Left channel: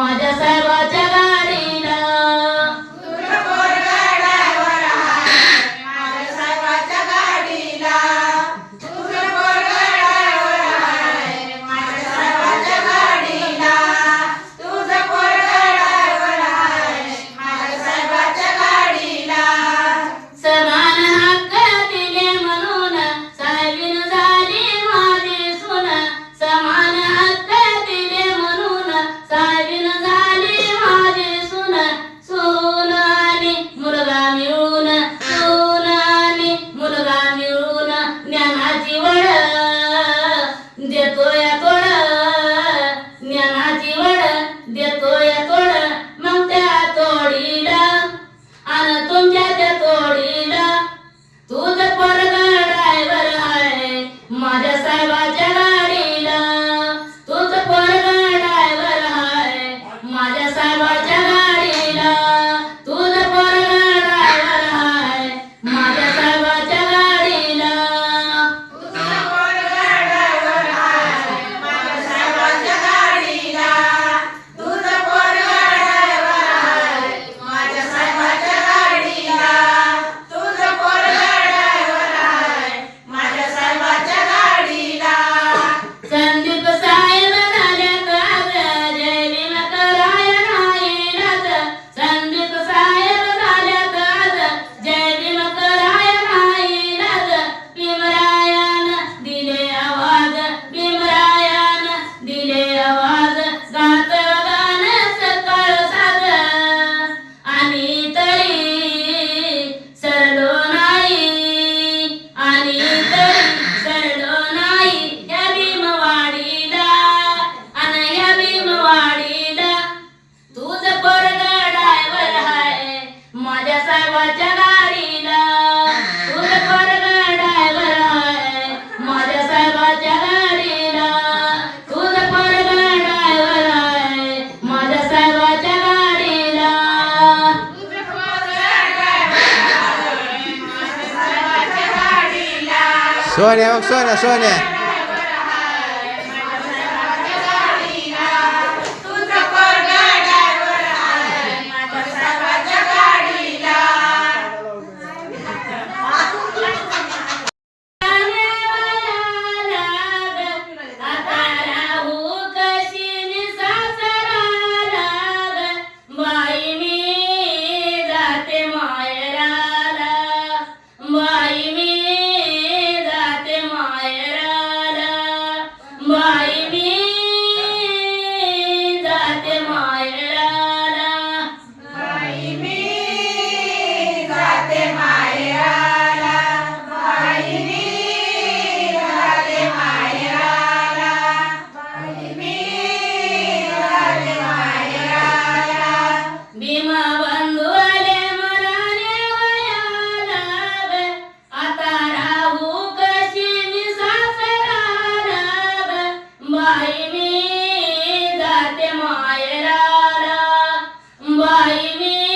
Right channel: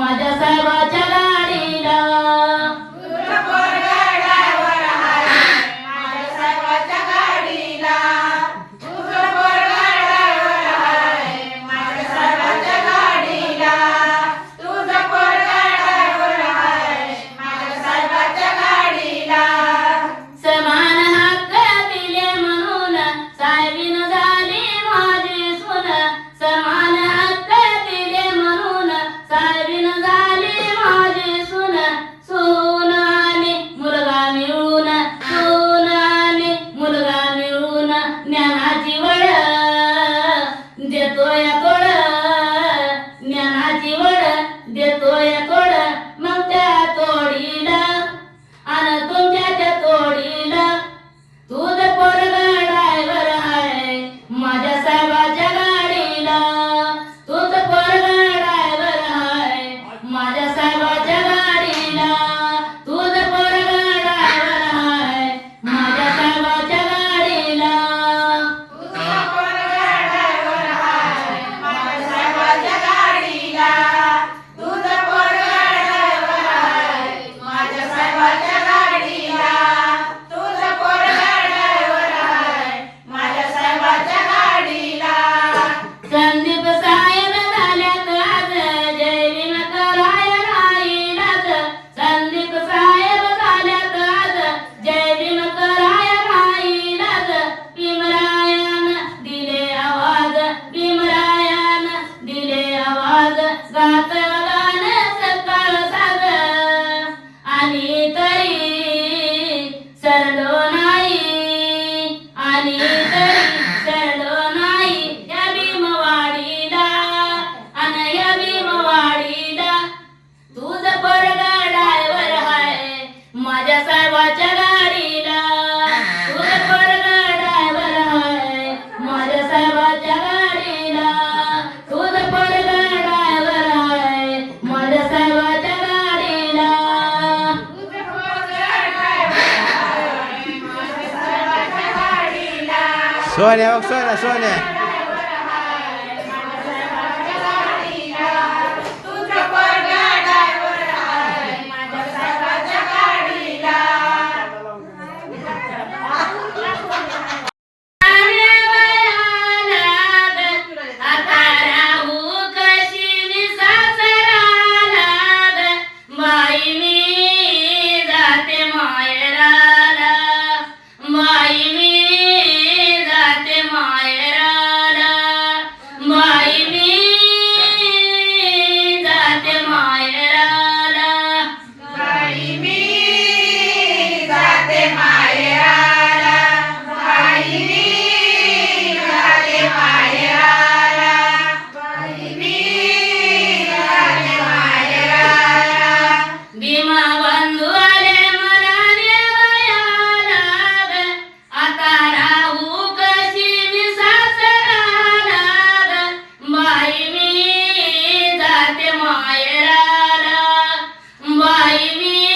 我家三 Şöyle bak şöyle şöyle. Amen.